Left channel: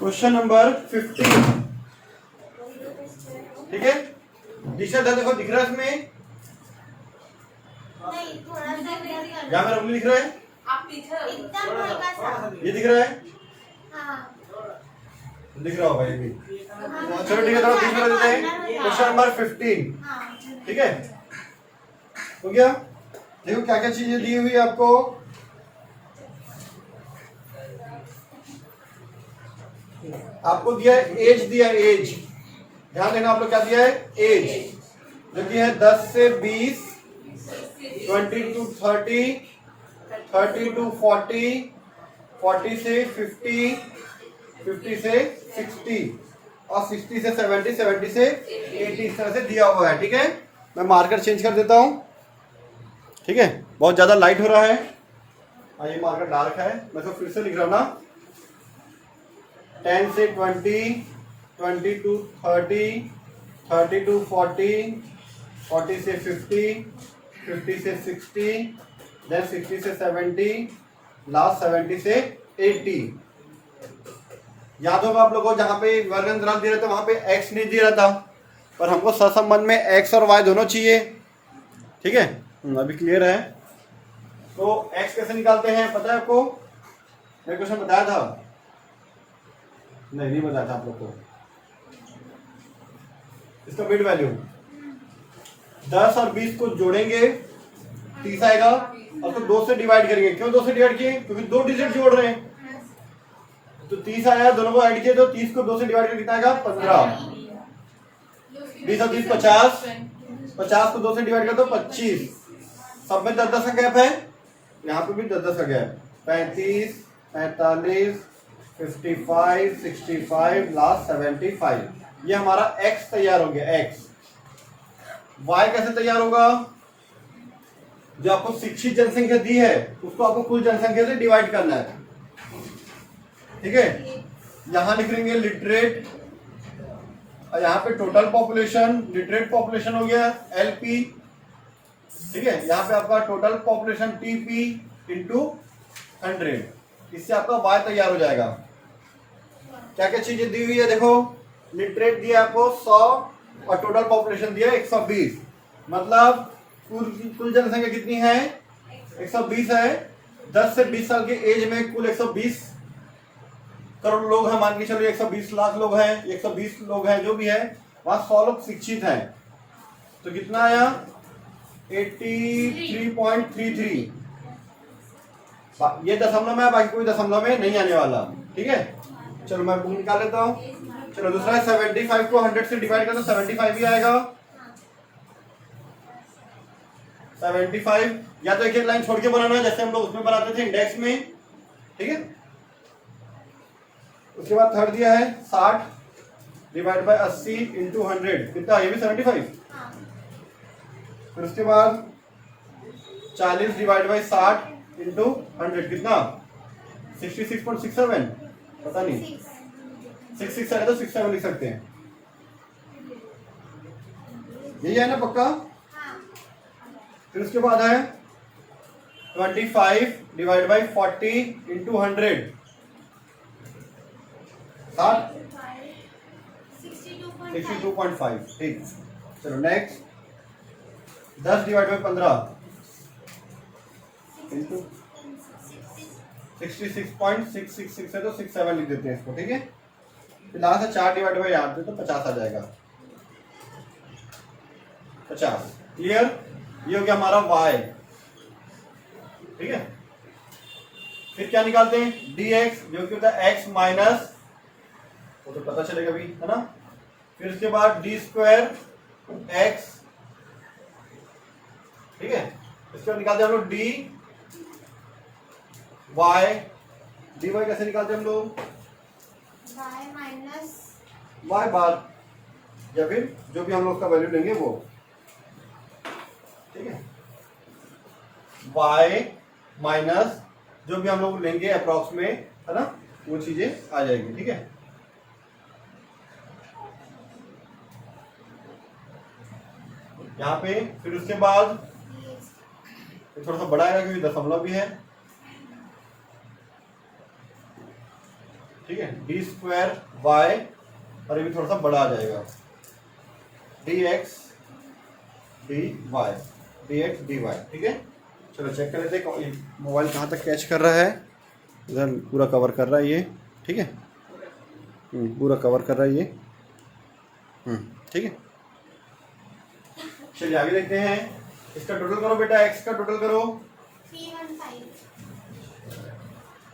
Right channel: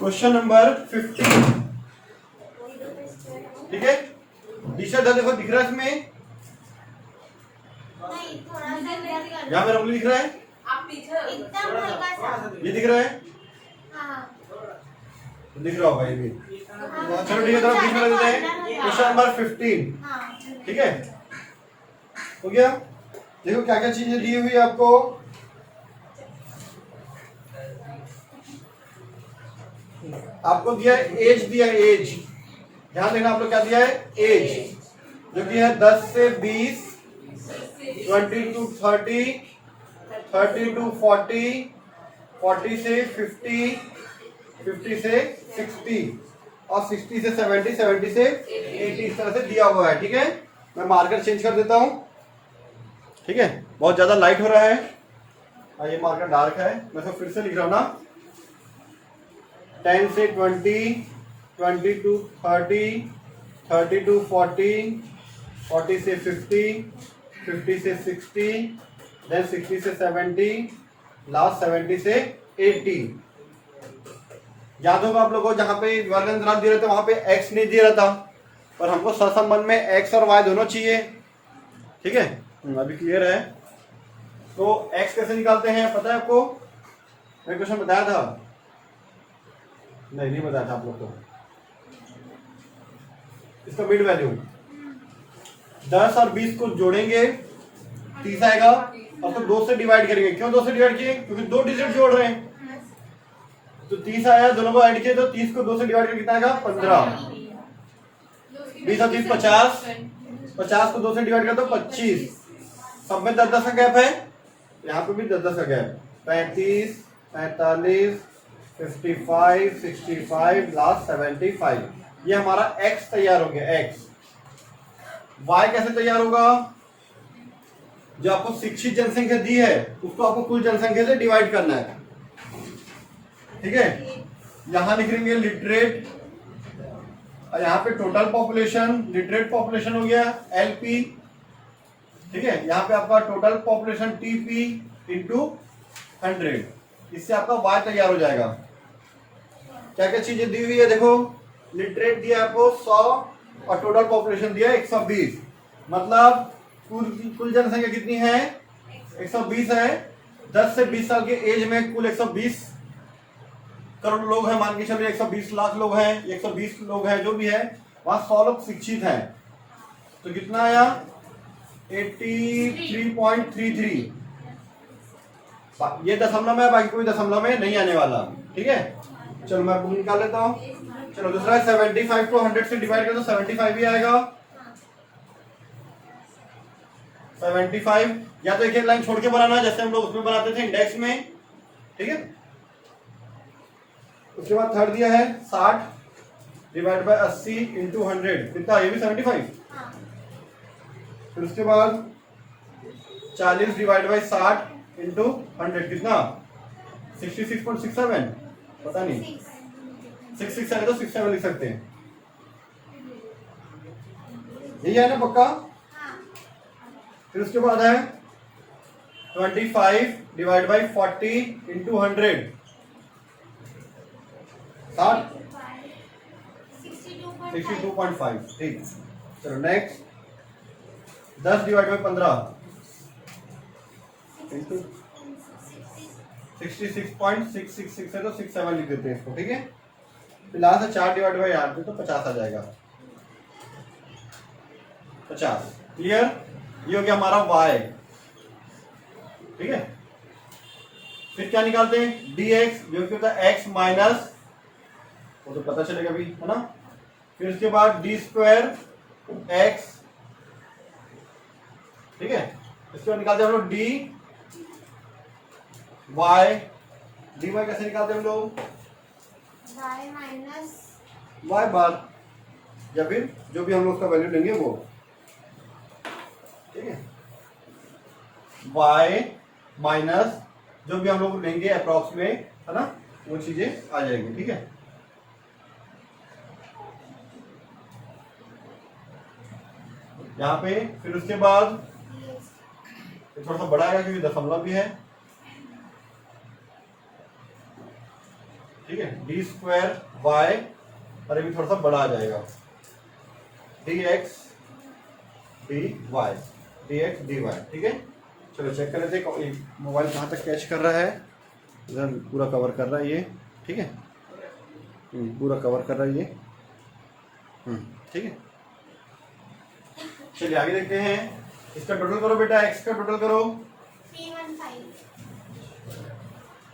Question number 15, ठीक है। दिशा देखो दिख रहा है इसमें, यहाँ पर उंगली दिख रहा है, ये दिख रहा है, दिख रहा होगा ये भी। चलो ठीक है, तरफ बीच में रख देते हैं। क्वेश्चन नंबर 15, ठीक है, हो गया। देखो क्या क्या चीजें दी हुई है आपको। आपको दिया है एज, दिया है एज, ध्यान देना आप लोग, क्या दिया है एज, जो दिया है 10 से 20, 20 to 30, 30 to 40, 40 से 50, 50 से 60 और 60 से 70, 70 से 80, इस तरह से दिया हुआ है, ठीक है। मैं मार्कर चेंज कर देता हूं, ठीक है, बहुत ज्यादा लाइट हो रहा है, ये मार्कर डार्क है, मैं तो फिर से लिख रहा हूं ना। 10 से 20, 20 to 30, 30 to 40, 40 से 50, 50 से 60, then 60 से 70, लास्ट 70 से 80। याद होगा आप लोगों को, जहां पे वर्गांतराल दे रहा था वहां पे x नहीं दे रहा था, और हमको सहसंबंध में x और y दोनों चाहिए, ठीक है। अभी क्लियर है। तो x कैसे निकालते हैं पता है आपको, मैं क्वेश्चन बताया था, नहीं बताया था आप लोग को। इसका मिड वैल्यू 10 और 20 को जोड़ेंगे 30 आएगा, और तो 2 से डिवाइड करेंगे। क्यों 2 से डिवाइड किए, क्योंकि 2 डिजिट जोड़ रहे हैं, तो 30 आया, दोनों को ऐड किए तो 30 को 2 से डिवाइड करके कितना आएगा 15। 20 और 30 50, 50 को 2 से डिवाइड कर दो 25, सब में 10-10 का गैप है, यहाँ पे भी 10-10 का गैप, 35, 45, 55, 65, लास्ट 75। ये हमारा x तैयार हो गया। x y कैसे तैयार होगा, जो आपको शिक्षित जनसंख्या दी है उसको आपको कुल जनसंख्या से डिवाइड करना है, ठीक है। यहां लिख लेंगे लिटरेट, और यहाँ पे टोटल पॉपुलेशन, लिटरेट पॉपुलेशन हो गया LP, ठीक है। यहाँ पे आपका टोटल पॉपुलेशन TP इंटू 100, इससे आपका y तैयार हो जाएगा। क्या क्या चीजें दी हुई है देखो, लिटरेट दिया आपको 100 और टोटल पॉपुलेशन दिया 120, मतलब कुल जनसंख्या कितनी है 120 है। 10 से 20 साल के एज में कुल 120 करोड़ लोग हैं, मान के चलिए 120 लाख लोग हैं, 120 लोग हैं, जो भी है, वहां 100 लोग शिक्षित हैं, तो कितना आया 83.33। ये दशमलव में, बाकी कोई दशमलव में नहीं आने वाला, ठीक है। चलो मैं बुक निकाल लेता हूँ। चलो दूसरा है 75 को 100 से डिवाइड कर दो, 75 ही आएगा। 75 या तो एक एक लाइन छोड़ के बनाना, जैसे हम लोग उसमें बनाते थे इंडेक्स में, ठीक है। उसके बाद थर्ड दिया है 60 डिवाइड बाय 80 इंटू 100, कितना, ये भी 75। फिर उसके बाद 40 डिवाइड बाय 60 इंटू 100, कितना 66.67, पता नहीं, 66 है तो 67 लिख सकते हैं, यही है ना पक्का। फिर उसके बाद है 25 डिवाइड बाई 40 इंटू 100, 62.5, ठीक। चलो नेक्स्ट 10 डिवाइड बाई 15 इंटू 66.666 है तो 67 लिख देते हैं इसको, ठीक है। फिर लास्ट है 4 डिवाइड बाई 8 तो 50 आ जाएगा, 50। क्लियर, ये हो गया हमारा y, ठीक है। फिर क्या निकालते हैं dx, जो कि होता है x माइनस, वो तो पता चलेगा भी, है ना। फिर उसके बाद d स्क्वायर x, ठीक है। इसको निकालते हैं हम लोग dy, dy कैसे निकालते हैं हम लोग, y माइनस y बार, या फिर जो भी हम लोग उसका वैल्यू लेंगे वो, ठीक है। y माइनस जो भी हम लोग लेंगे अप्रॉक्स में, है ना, वो चीजें आ जाएंगी, ठीक है। यहाँ पे फिर उसके बाद थोड़ा सा बड़ा आएगा क्योंकि दशमलव भी है, ठीक है, डी स्क्वायर वाई, और ये भी थोड़ा सा बड़ा आ जाएगा, डी एक्स डी वाई, ठीक है। चलो चेक कर लेते हैं मोबाइल कहाँ तक कैच कर रहा है। इधर पूरा कवर कर रहा है ये, ठीक है, पूरा कवर कर रहा है ये, ठीक है। चलिए आगे देखते हैं, इसका टोटल करो बेटा, एक्स का टोटल करो। 315।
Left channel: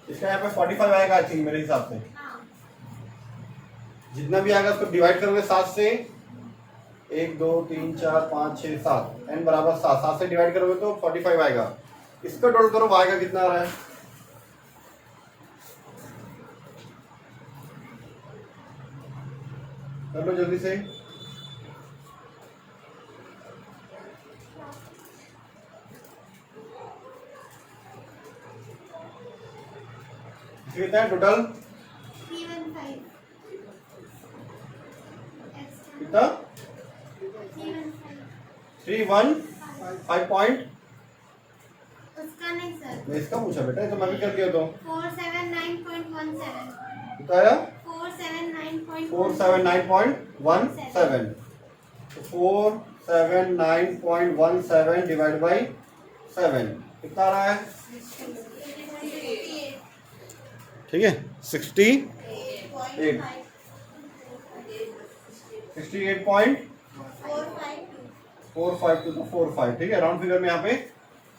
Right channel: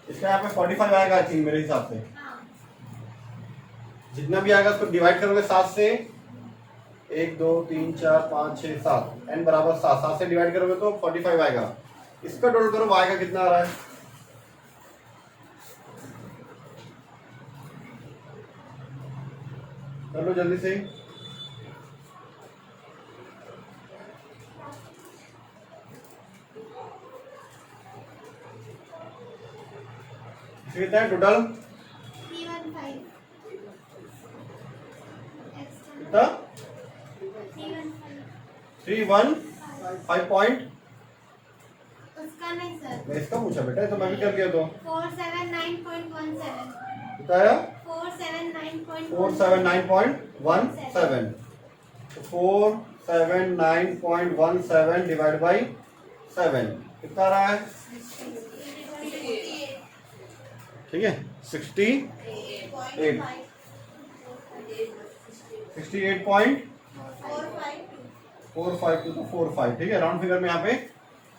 इसका यहाँ पे 45 आएगा आई थिंक मेरे हिसाब से। हाँ। जितना भी आएगा उसको डिवाइड करोगे 7 से, 1 2 3 4 5 6 7, n बराबर 7, 7 से डिवाइड करोगे तो 45 आएगा। इसका टोटल करो, y का कितना आ रहा है, कर लो जल्दी से। कितना है टोटल, 315। कितना, 315। 315 पॉइंट, उसका नहीं सर। मैं इसका पूछा बेटा, ये तो मैं भी कर दिया तो 479.17। कितना आया, 479.17। 479.17, 479.17 डिवाइड बाई 7 कितना आ रहा है, ठीक है, 68, 68.452, ठीक है। राउंड फिगर में यहाँ पे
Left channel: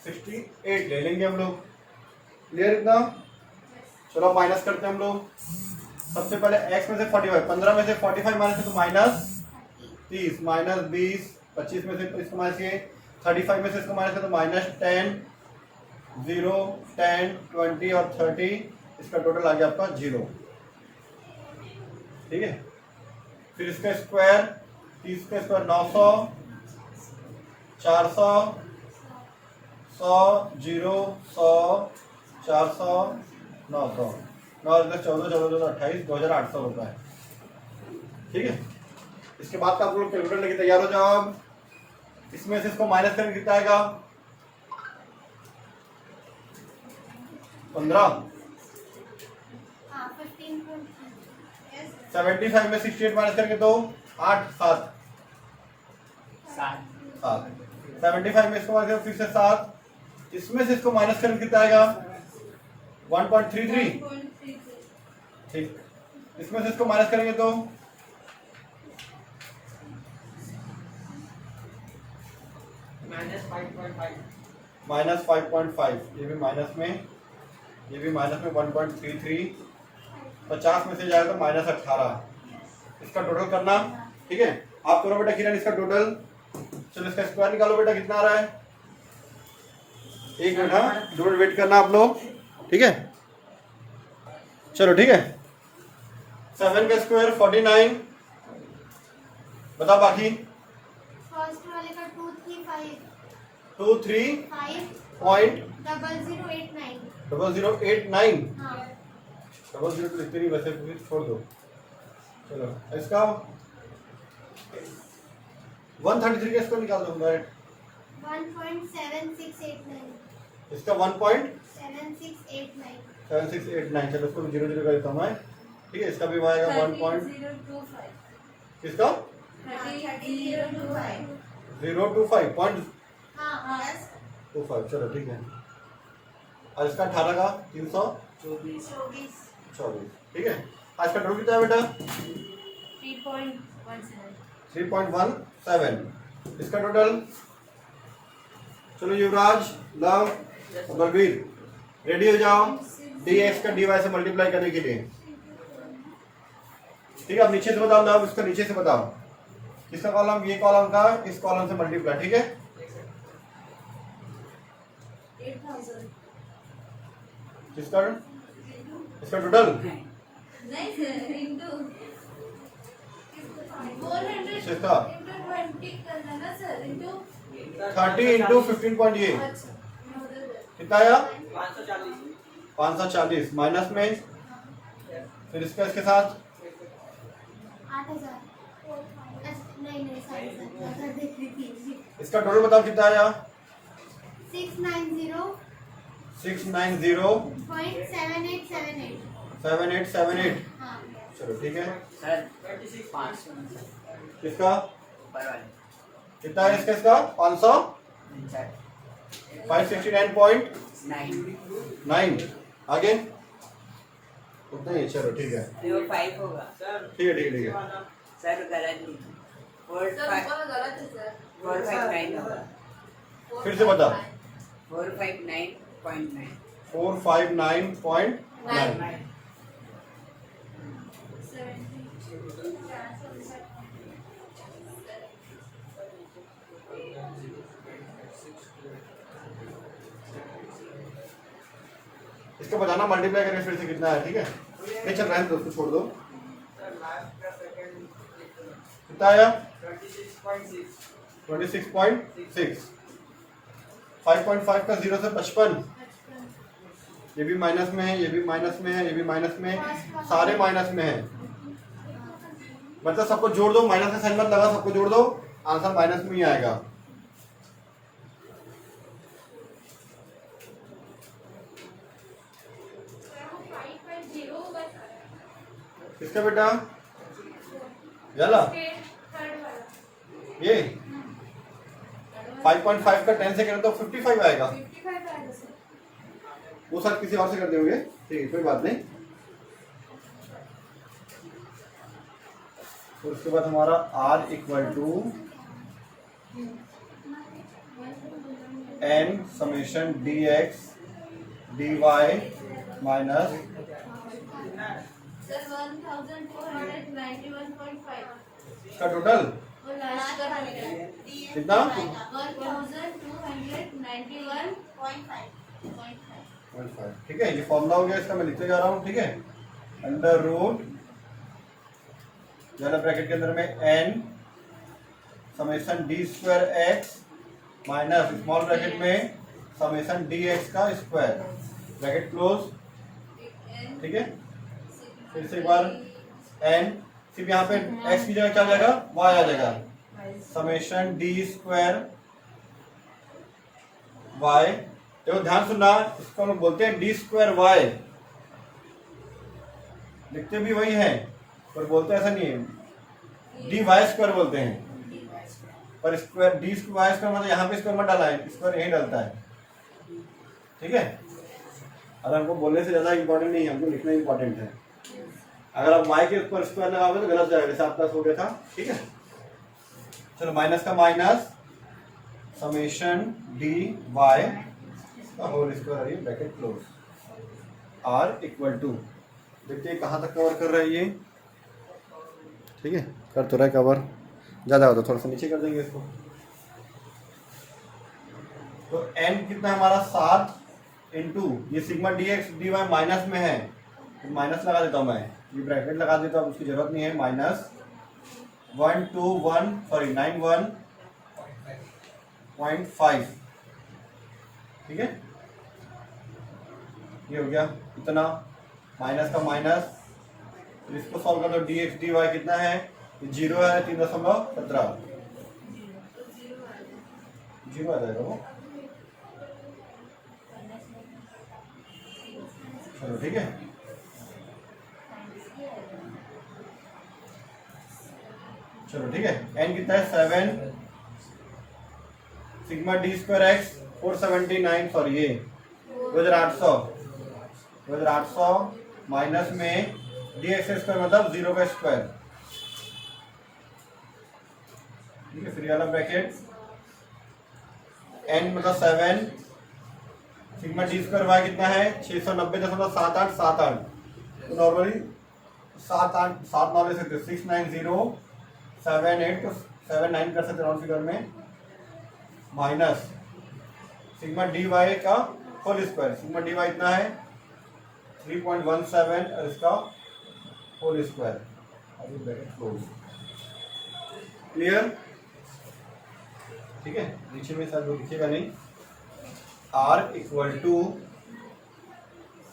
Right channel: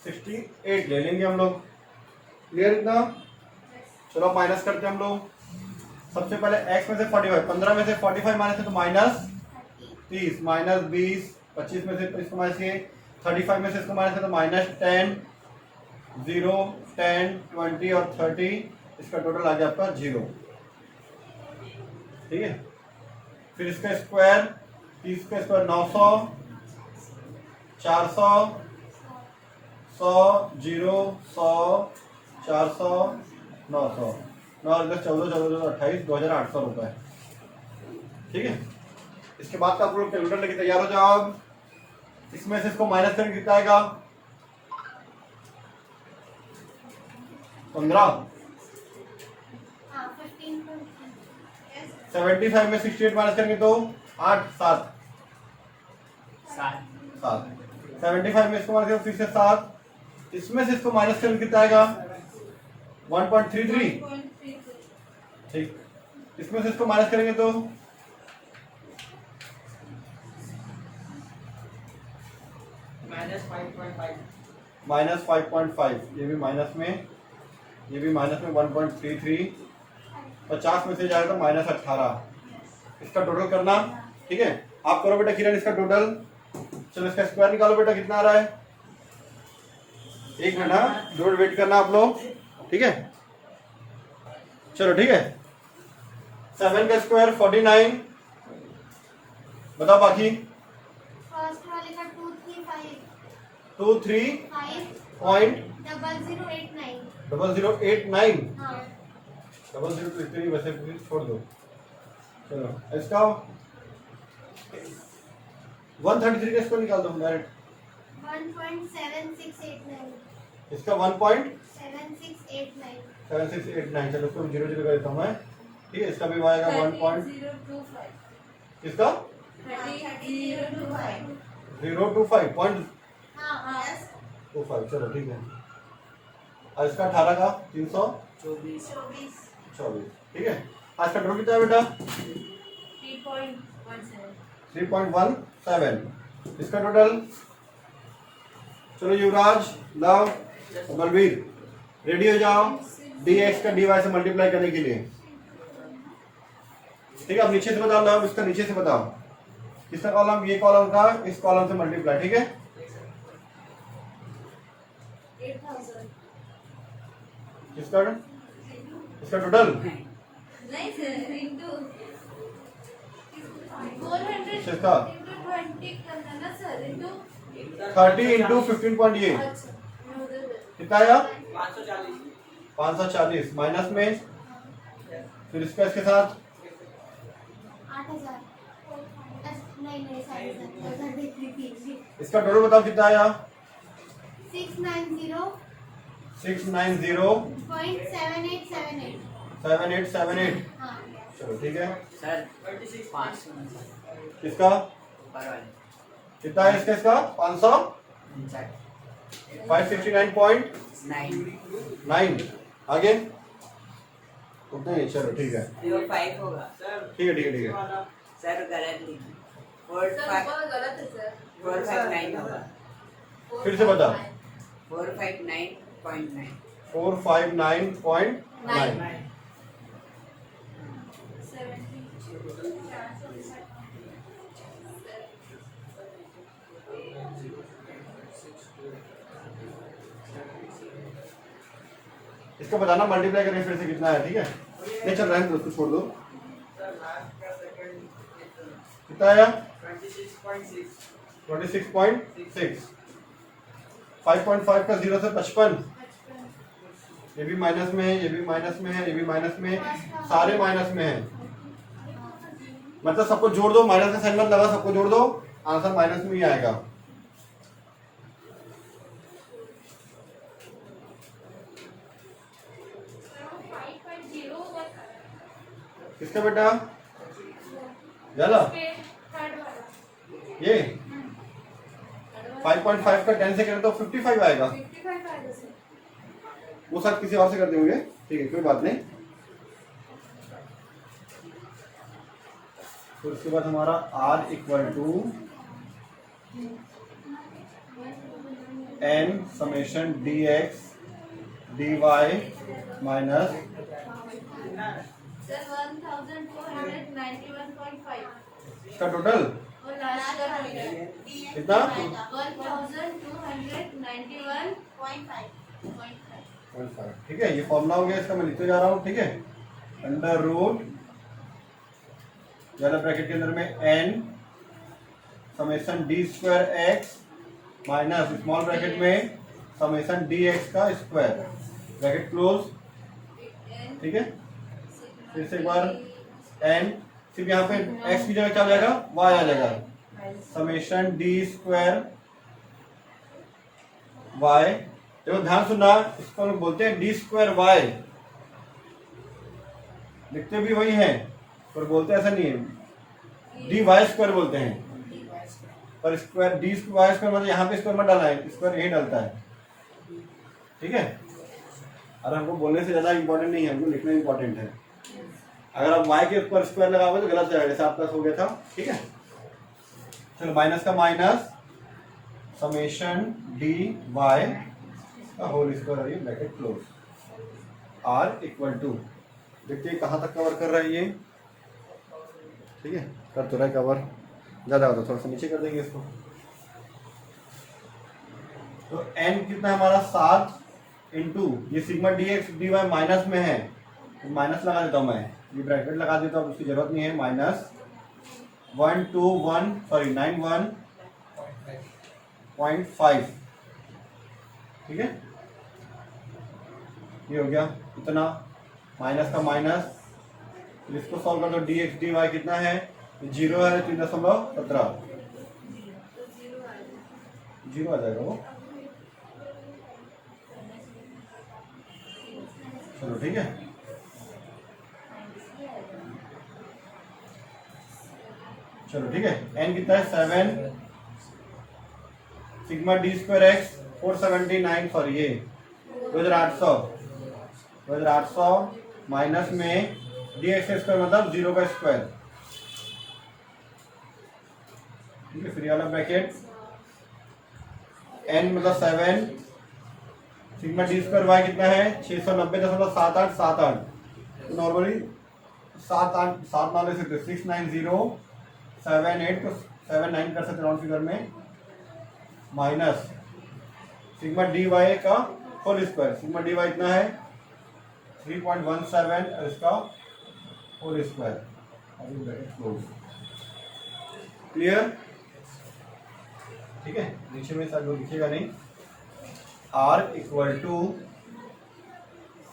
68 ले लेंगे हम लोग, क्लियर इतना। चलो माइनस करते हैं हम लोग। सबसे पहले x में से 45, 15 में से 45 माइनस है तो माइनस 30, माइनस 20, 25 में से इसको माइनस किए, 35 में से इसको माइनस है तो माइनस 10, 0, 10, 20 और 30, इसका टोटल आ गया आपका 0, ठीक है। फिर इसका स्क्वायर, 30 का स्क्वायर 900, 400, 100, 0, 100, 400, 900, 9 14 14 28, 2800 रुपए, ठीक है। इसके बाद आप लोग कैलकुलेटर लेके तैयार हो जाओ। अब इसमें से इसको माइनस करके कितना आएगा, 15, 75 में 68 माइनस करेंगे तो 8 7 75 में इसको माइनस करेंगे फिर से 7, इसमें से इसको माइनस करके कितना आएगा, 1.33, ठीक। इसमें से इसको माइनस करेंगे तो माइनस 5.5, ये भी माइनस में, ये भी माइनस में 1.33, 50 में से जाएगा तो माइनस 18, इसका टोटल करना, ठीक है। आप करो बेटा किरण इसका टोटल। चलो इसका स्क्वायर निकालो बेटा, कितना आ रहा है, एक मिनट, हाँ 2 मिनट वेट करना आप लोग, ठीक है। चलो ठीक है, 7 का स्क्वायर 49, बताओ बाकी। फर्स्ट वाले का 235 23.0089, 0089। हाँ। 00 तो लिखते नहीं वैसे, फिर छोड़ दो। चलो इसका 133 का स्क्वायर निकाल दो डायरेक्ट, 1.7689। इसका 1.7689। 7689, चलो इसको 0 0 कर देता हूँ मैं, ठीक है। इसका भी आएगा 1 पॉइंट, इसका 025 पॉइंट 25, चलो ठीक है। और इसका 18 का 324, ठीक है। आज का टोटल कितना है बेटा, 3.17, इसका टोटल। चलो युवराज, लव, बलवीर रेडी हो जाओ dx का dy से मल्टीप्लाई करने के लिए, ठीक है। अब नीचे से बताओ, लव इसका नीचे से बताओ, किसका कॉलम, ये कॉलम का इस कॉलम से मल्टीप्लाई, ठीक है। 8000। किसका, इसका टोटल नहीं सर, इंटू 400 किसका, इंटू 20 करना ना सर, इंटू 30 इंटू 15.8 कितना आया, 540 माइनस में, फिर इसका इसके साथ 8000। नहीं नहीं 7000 देख ली थी। इसका टोटल बताओ कितना आया, 690.7878। 690.7878 7878। हाँ चलो ठीक है। सर 500 किसका ऊपर वाले कितना है इसका? इसका 500 569 569.9। आगे उतना ही। चलो ठीक है 05 होगा ठीक है ठीक है ठीक है। सर गलत लिखी गलत है सर 459 होगा फिर से बता। 459.9 459.9। इसको बताना मल्टीप्लाई करके फिर से कितना है। ठीक है नहीं चल रहा है तो उसको छोड़ दो। कितना आया? 26.6। 5.5 का 0 से 55। ये भी माइनस में है, ये भी माइनस में है, ये भी माइनस में है, सारे माइनस में है। मतलब सबको जोड़ दो, माइनस का साइन मत लगा, सबको जोड़ दो, आंसर माइनस में ही आएगा। किसका बेटा? याला ये 5.5 का 10 से करें तो 55 आएगा। वो शायद किसी और से करते होंगे। ठीक है कोई बात नहीं। तो उसके बाद हमारा r equal to n summation dx dy minus sir 1491.5 इसका टोटल और लास्ट का कितना? 1291.5 ठीक है ये फॉर्मूला हो गया इसका, मैं लिखते जा रहा हूँ। ठीक है अंडर रूट ज्यादा ब्रैकेट के अंदर में n summation D square x minus small bracket में समेशन डी एक्स का स्क्वायर ब्रैकेट क्लोज। ठीक है फिर से एक बार n सिर्फ यहाँ पे x की जगह क्या आ जाएगा? y आ जाएगा। Summation D square y। देखो ध्यान सुनना, इसको हम लोग बोलते हैं डी स्क्वायर y। लिखते भी वही है पर बोलते ऐसा नहीं है, डी वाई स्क्वायर बोलते हैं। पर स्क्वायर डी वाई स्क्वायर मतलब यहाँ पे स्क्वायर मत डालना है, स्क्वायर यही डालता है। ठीक है अगर हमको बोलने से ज्यादा इंपॉर्टेंट नहीं है, हमको लिखना इंपॉर्टेंट है। अगर आप y के ऊपर स्क्वायर लगाओगे तो गलत जाएगा, जैसे आपका हो गया था। ठीक है चलो माइनस का माइनस समेशन डी वाई का whole square bracket close r equal to. देखिए कहाँ तक कवर कर रहा है ये। ठीक है कर तो रहा है कवर, ज़्यादा होता थोड़ा सा नीचे कर देंगे इसको। तो n कितना है हमारा 7 इंटू ये sigma D X D Y minus में है तो माइनस लगा देता हूँ मैं, ये ब्रैकेट लगा देता हूँ, उसकी जरूरत नहीं है। माइनस 91.5। ठीक है ये हो गया इतना, माइनस का माइनस। इसको सॉल्व कर दो, डी एक्स डी वाई कितना है? 0 है 3.17 0 आ जाएगा वो। चलो ठीक है चलो ठीक है n कितना है? 7 sigma D square x 479 sorry ये 2800 माइनस में डी एक्स स्क्वायर मतलब 0 का स्क्वायर। ठीक है फिर वाला ब्रैकेट n मतलब 7 सिग्मा डी स्क्वायर वाई कितना है? 690.7878। तो नॉर्मली 7 वाले से 690.78 तो 79 कर सकते राउंड फिगर में, माइनस सिग्मा डी वाई का whole square. Sigma D Y इतना है 3.17 और इसका होल स्क्वायर। अभी ब्रैकेट क्लोज। क्लियर? ठीक है नीचे में सब लिखिएगा नहीं। r इक्वल टू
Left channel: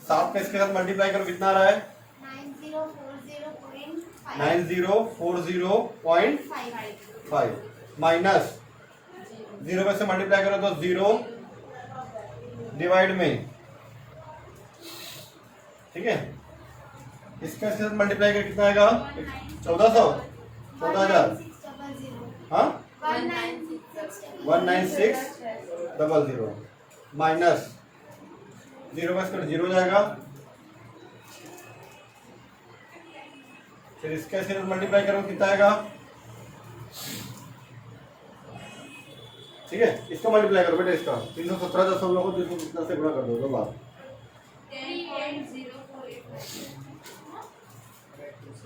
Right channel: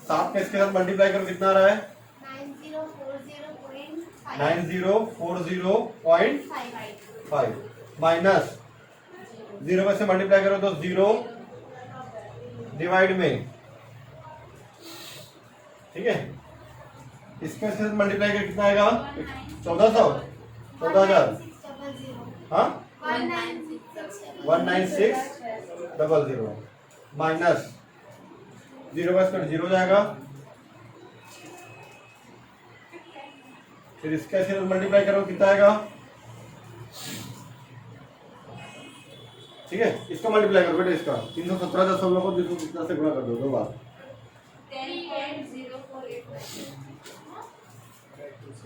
7 का इसके साथ मल्टीप्लाई करो कितना आ रहा है? 9040.5 माइनस 0 में से मल्टीप्लाई करो तो 0 डिवाइड में। ठीक है इसका इसके साथ मल्टीप्लाई करके कितना आएगा? 1400, 14,000। हाँ 19600 माइनस 0 का स्क्वायर 0 जाएगा, फिर इसका इसके साथ मल्टीप्लाई करो कितना आएगा? ठीक है, इसका मल्टीप्लाई करो बेटा, इसका 317 को 217 से गुणा कर दो 2 बार।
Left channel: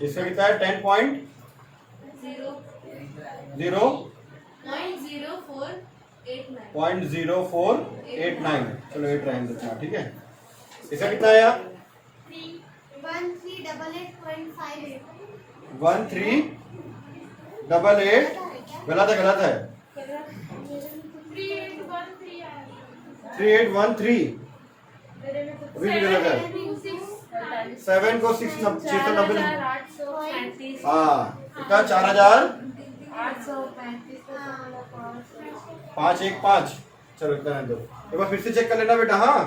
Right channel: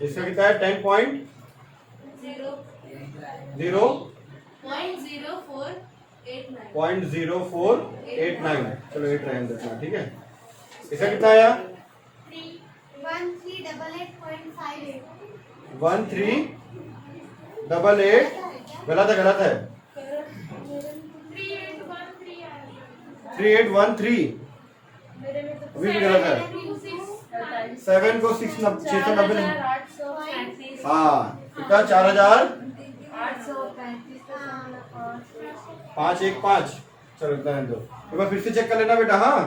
इसका कितना है? 10.0489। चलो 8 रहेंगे इतना, ठीक है। इसका कितना आया? 1388। गलत है, गलत है। 3813 अभी भी गलत है। 7 को 690, हाँ कितना? 4515। चलो इतना रहने दो, एक बार फिर से चेक कर लेना बेटा। हाँ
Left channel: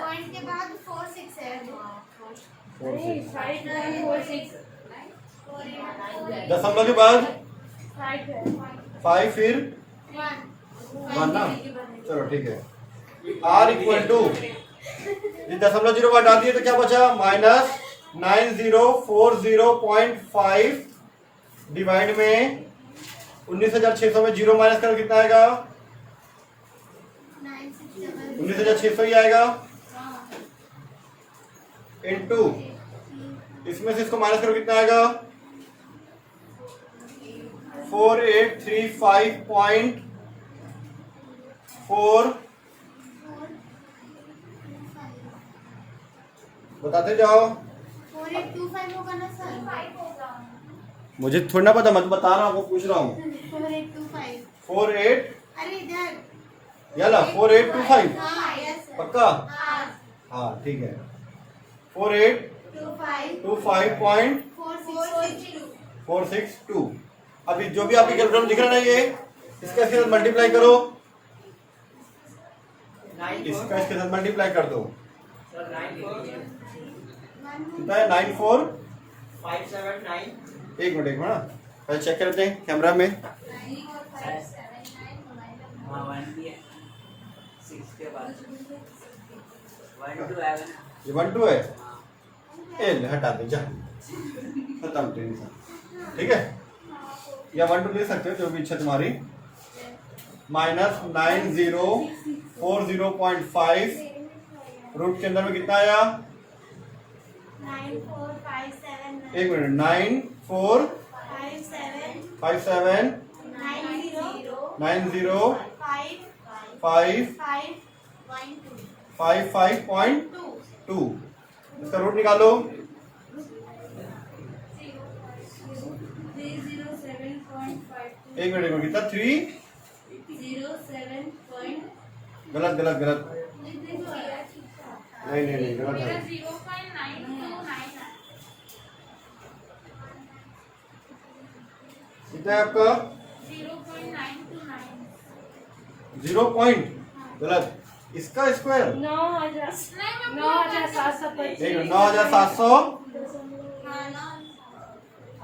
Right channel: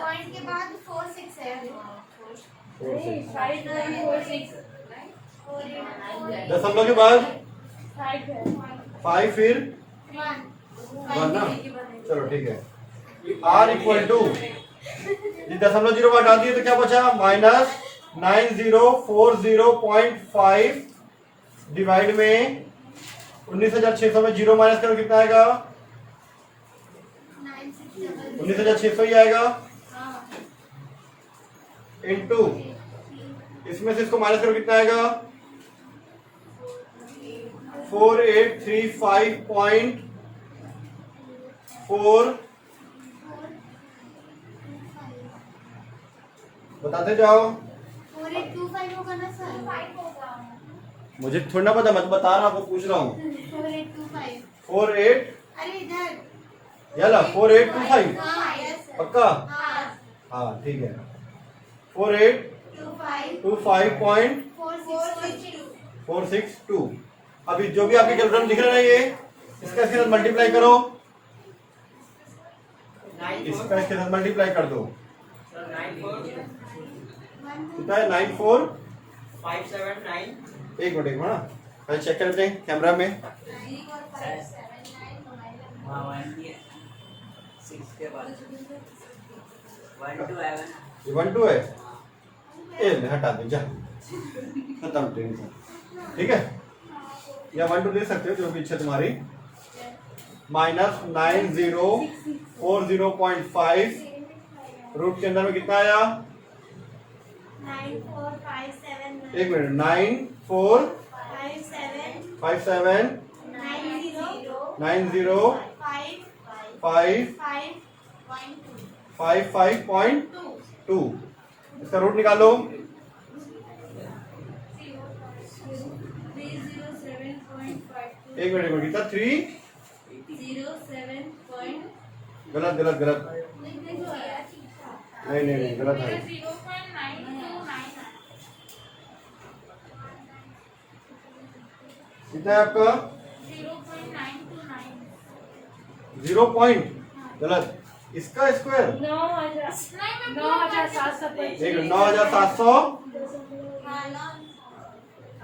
पॉइंट के बाद 4 6 है। 4 दशमलव के बाद 5 फिर 1 ना। चलो ठीक है। R इक्वल टू दशमलव 0 हटा दिए तो क्या बचा? -9040.5 डिवाइड में 19,600 में 0 माइनस करो कितना आएगा? 19,600 ही आएगा। इनटू इसमें से इसको माइनस करो कितना आएगा? 4835.4 बताते जाओ। 4825 होगा ना सर? मुझे थोड़ा ना पता, मैं बता रहा हूँ, पूछ रहा हूँ। 4825। 48 अरे इधर याला 4825 हाँ यस सर। पक्का? हाँ हाँ ठीक है। 4825.462। अभी जो भी आपके कैलकुलेटर में दिख रहा है ना, ये इसका इसके साथ मल्टीप्लाई करो, इसका इसके साथ मल्टीप्लाई कर दो। कितना है? 94 एक मिनट ना, पहले चेक करते हैं कैमरा में। हाँ 1 भी है, 6 के बाद 1 2 है ना। ये 1 2 है, ए हटा दे जा, खत्म टेंशन। ठीक है, या 1 2 ले सकते हो जो भी इच्छा तुम्हारी। -9040.5 रूट के अंदर में कितना आया? 9457 एक मिनट, 9457 90 55.2। इसका रूट निकालो। एक मिनट कितना? 3 गलत गलत गलत, नहीं नहीं नहीं गलत है। कितना है आपका? 0 पॉइंट गलत। इसका स्क्वायर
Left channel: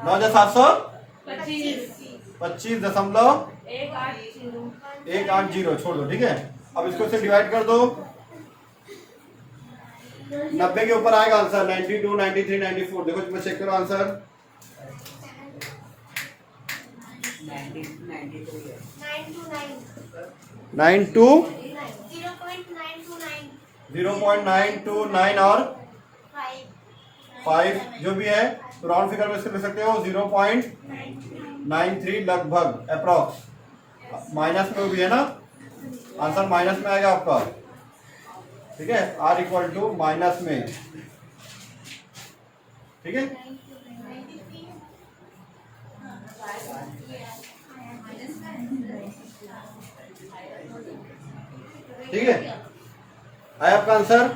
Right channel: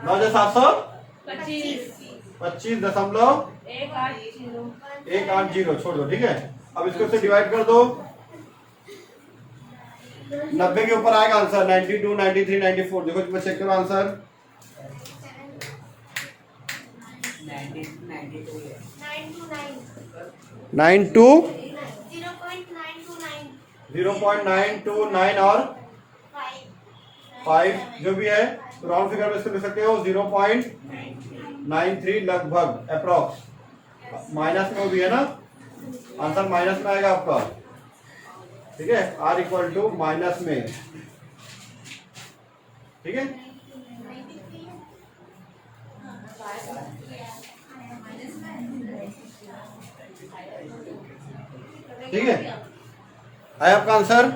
9,725.180 छोड़ दो, ठीक है। अब इसको से डिवाइड कर दो, 90 के ऊपर आएगा आंसर। 92 93 94 देखो, तुम्हें चेक करो आंसर। 92 0.929 और 5 जो भी है, तो राउंड फिगर में इसको ले सकते हो। 0.93 लगभग अप्रॉक्स। माइनस में वो भी है ना, आंसर माइनस में आएगा आपका। ठीक है, R इक्वल टू माइनस में। ठीक है, ठीक है, आया आपका आंसर।